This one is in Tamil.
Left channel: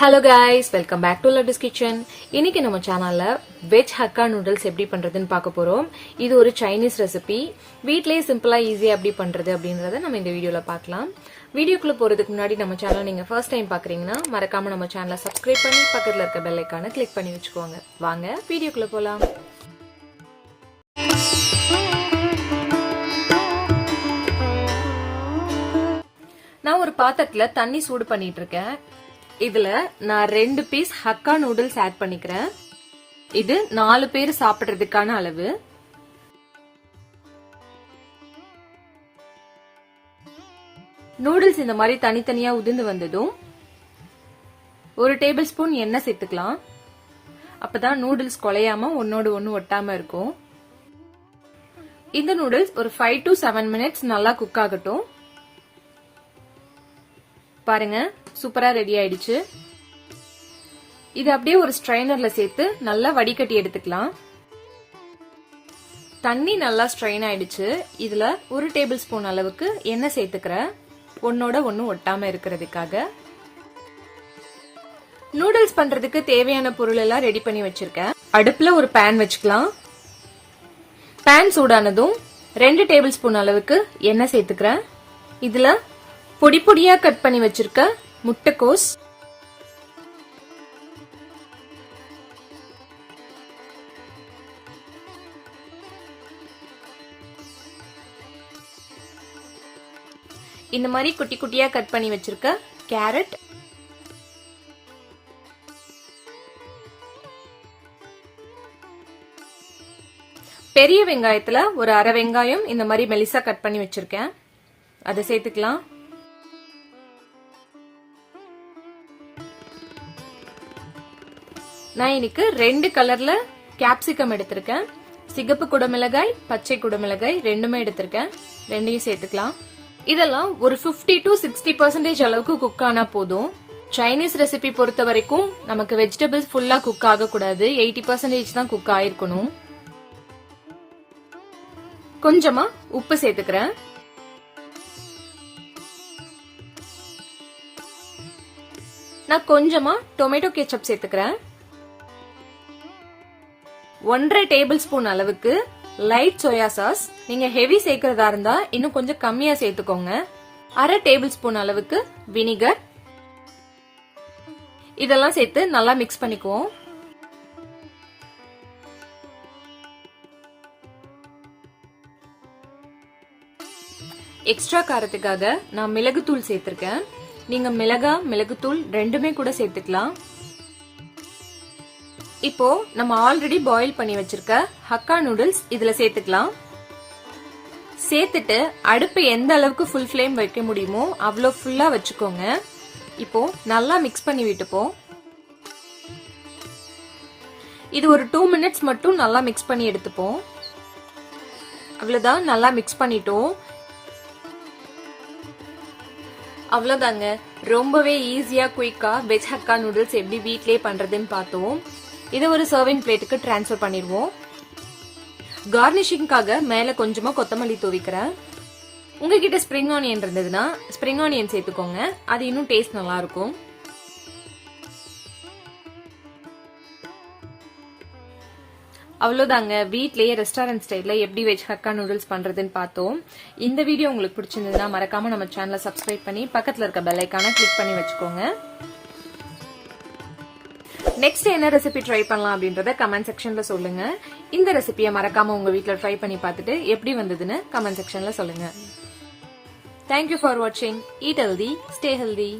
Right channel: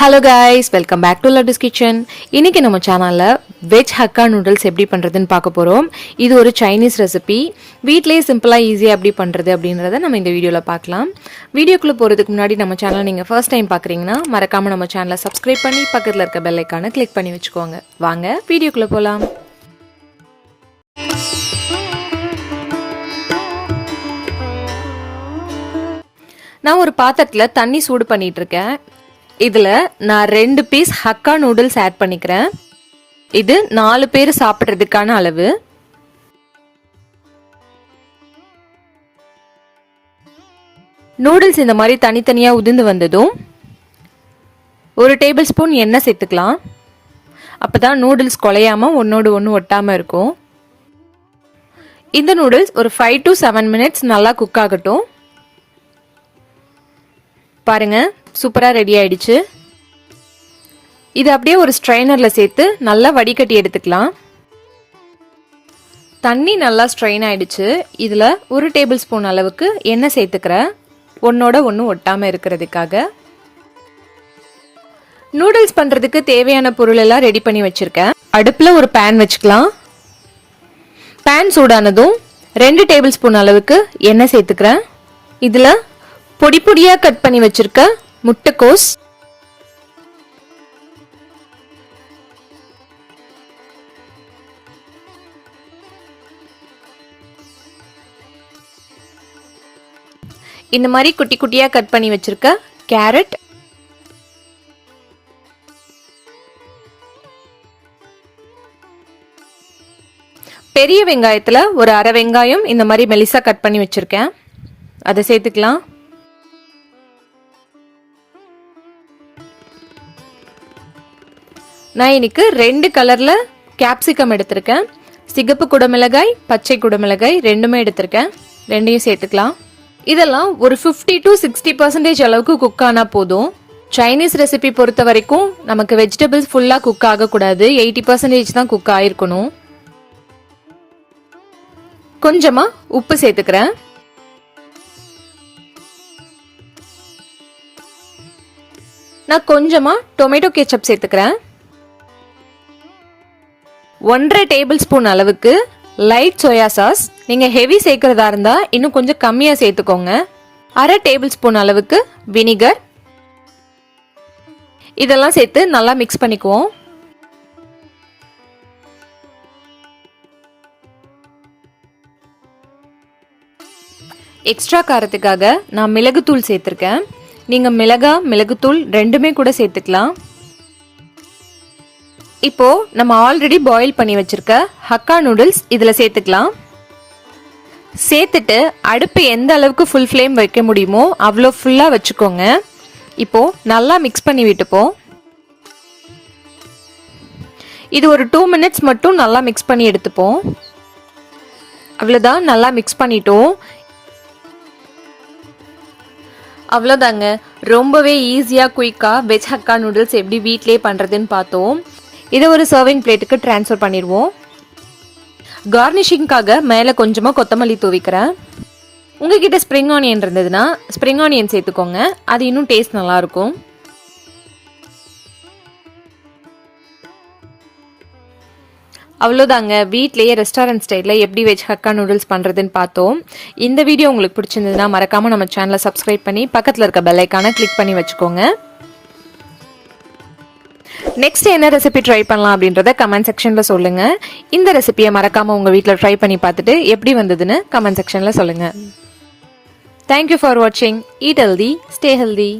Hello guys, welcome back to Laddu's kitchen. இன்னைக்கு நம்ம சேனலில் வெஜ் ஹக்கா நூடுல்ஸ் எப்படி பண்ணுறதுன்னு பார்க்க போகிறோம். இது ஒரு சைனீஸ் ரெசிபி. வீட்டிலேயே சிம்பிளாக ஈஸியாக எப்படி பண்ணுறது அப்படின்றத நம்ம இந்த வீடியோவில் பார்க்கலாம். வீடியோக்குள்ளே போகிறதுக்கு முன்னாடி நம்ம சேனலை நீங்கள் ஃபர்ஸ்ட் டைம் பார்க்குறீங்கன்னா மறக்காமல் நம்ம சேனலை சப்ஸ்கிரைப் பண்ணி பக்கத்தில் இருக்க பெல் ஐக்கானை கிளிக் பண்ணி வச்சுக்கோங்க. வாங்க வீடியோக்குள்ளே போகலாம். நான் ஒரு பாத்திரத்தில் தண்ணி சூடு பண்ணிட்டு இருக்கேன். இதில் நான் 2 பீஸ் ஹக்கா நூடுல்ஸ் ஆட் பண்ணிக்கிறேன். இது 4 பேர் சாப்பிட்றதுக்கான அளவு. நூடுல்ஸ் இந்த மாதிரி தனித்தனியாக உதிர்ந்து வந்ததும் 1 டேபிள் ஸ்பூன் எண்ணெய் சேர்த்துக்கலாம். அப்போ தான் நூடுல்ஸ் குலையாம ஒன்னோடு ஒன்று ஒட்டாமல் இருக்கும். இந்த நூடுல்ஸ் ஒரு 5 to 7 minutes நல்லா குக் ஆகட்டும். பாருங்க, சூப்பரா ரெடி ஆயிடுச்சு. இது அப்படியே ஒரு ஸ்ட்ரைனர்ல சேர்த்து நல்லா வடிகட்டி எடுத்துக்கலாம். தண்ணி நல்லா ஸ்ட்ரெயின் ஆயிடுச்சு. இதுல 1 டேபிள் ஸ்பூன் அளவுக்கு எண்ணெய் சேர்த்துக்கிறேன், ஒன்னோட ஒன்று ஒட்டாம இருக்கிறதுக்காக. நூடுல்ஸ் பண்றதுக்கு தேவையான பொருள் எல்லாம் ரெடி பண்ணி வச்சிருக்கேன். அடுப்புல ஒரு பேன் வச்சுக்கலாம். பேன் சூடானதும் 2 டேபிள் ஸ்பூன் அளவுக்கு எண்ணெய் சேர்த்துக்கிறேன். இதுல பொடி பொடியா கட் பண்ணி வச்சிருக்க முட்டைக்கோஸ், இந்த மாதிரி குட்டி குட்டியா கட் பண்ணி வச்சிருக்க கேரட், பெரிய வெங்காயத்துல ஒரு அரை வெங்காயம் இந்த மாதிரி மெலிசா கட் பண்ணி வச்சிருக்கேன், அதை சேர்த்துக்கலாம். நான் இன்னைக்கு 2 கலர்ல கேப்சிகம் எடுத்திருக்கேன். சிகப்பு குடமிளகாய், பச்சை குடமிளகாய் ரெண்டுமே எடுத்திருக்கேன். ரெண்டையும் சேர்த்துக்கலாம். இதெல்லாம் ஒரு 50 to 60% அளவுக்கு குக் ஆனா போதும். சைனீஸ் ரெசிபி பொறுத்த வரைக்கும் நமக்கு வெஜிடபிள்ஸ் ஃபுல்லா குக் ஆகக்கூடாது, 80% தான் குக் ஆயிருக்கணும். கொஞ்சமா உப்பு சேர்த்துக்கிறேன். நான் கொஞ்சமா டொமேட்டோ கெச்சப் சேர்த்துக்கிறேன். 1.5 டேபிள் ஸ்பூன் அளவுக்கு லைட் சோயா சாஸ். நீங்க ஹெவி சேர்க்கிறதா இருந்தா இன்னும் கொஞ்சம் கம்மியா சேர்த்துக்கோங்க. அரை டேபிள் ஸ்பூன் அளவுக்கு வினிகர். இதெல்லாம் சேர்த்து நல்லா மிக்ஸ் பண்ணிக்குவோம். எக்ஸ்ட்ரா காரத்துக்காக நான் மிளகுத்தூள் சேர்த்திருக்கேன். நீங்க மிளகுத்தூள் ரெண்டுமே கூட சேர்த்துக்கலாம். இப்போ நம்ம ஆல்ரெடி பாயில் பண்ணி வச்சிருக்க ஹக்கா நூடுல்ஸ் இதுல சேர்த்துக்கலாம். சேர்த்துட்டு அடுப்பு எந்த அளவுக்கு ஃபுல் ஃப்ளேம் வைக்க முடியுமோ அவ்வளோ ஃபுல்லா வச்சுக்கோங்க. இப்போ நல்லா மிக்ஸ் பண்ணி விட்டுப்போம். இது ஒரு 2 minutes மட்டும் நல்லா மிக்ஸ் பண்ணி எடுத்துப்போம். அவ்வளோதான், நல்லா மிக்ஸ் பண்ணிட்டோம். அவ்வளோதாங்க, ரொம்பவே ஈஸியாக குயிக்காக வெஜ் ஹக்கா நூடுல்ஸ் எப்படி வீட்லேயே பண்ணுறதுன்னு பார்த்தோம். இதை ஒரு சர்விங் பிளேட்டுக்கு ட்ரான்ஸ்ஃபர் பண்ணிடுவோம். கார்னிஷிங்காக மேலே கொஞ்சமாக கொத்தமல்லி தூவிக்கிறேன். உங்ககிட்ட ஸ்ப்ரிங் ஆனியன் இருந்ததுன்னா ஸ்ப்ரிங் ஆனியன் சேர்த்துக்கோங்க, அது இன்னும் டேஸ்ட் நல்லா இருக்கும். அவ்வளோதாங்க, வீட்லேயே ரெஸ்டாரண்ட் ஸ்டைலில் எப்படி வெஜ் ஹக்கா நூடுல்ஸ் பண்ணுறதுன்னு பார்த்தோம். இந்த வீடியோ உங்களுக்கு பிடிச்சிருந்ததுன்னா மறக்காமல் நம்ம சேனலை சப்ஸ்கிரைப் பண்ணி பக்கத்தில் இருக்க பெல் ஐக்கானை கிளிக் பண்ணி வச்சுக்கோங்க. நெக்ஸ்ட் என்ன ரெசிபி ட்ரை பண்ணலாம் அப்படின்றத கமெண்ட் செக்ஷன்ல சொல்லுங்க. இந்த ரெசிபியை மறக்காம உங்க வீட்டில் ட்ரை பண்ணி பார்த்துட்டு எப்படி வந்ததுன்னு கமெண்ட் செக்ஷன்ல சொல்லுங்க. தேங்க்யூ ஃபார் வாட்சிங். Eat healthy, stay healthy.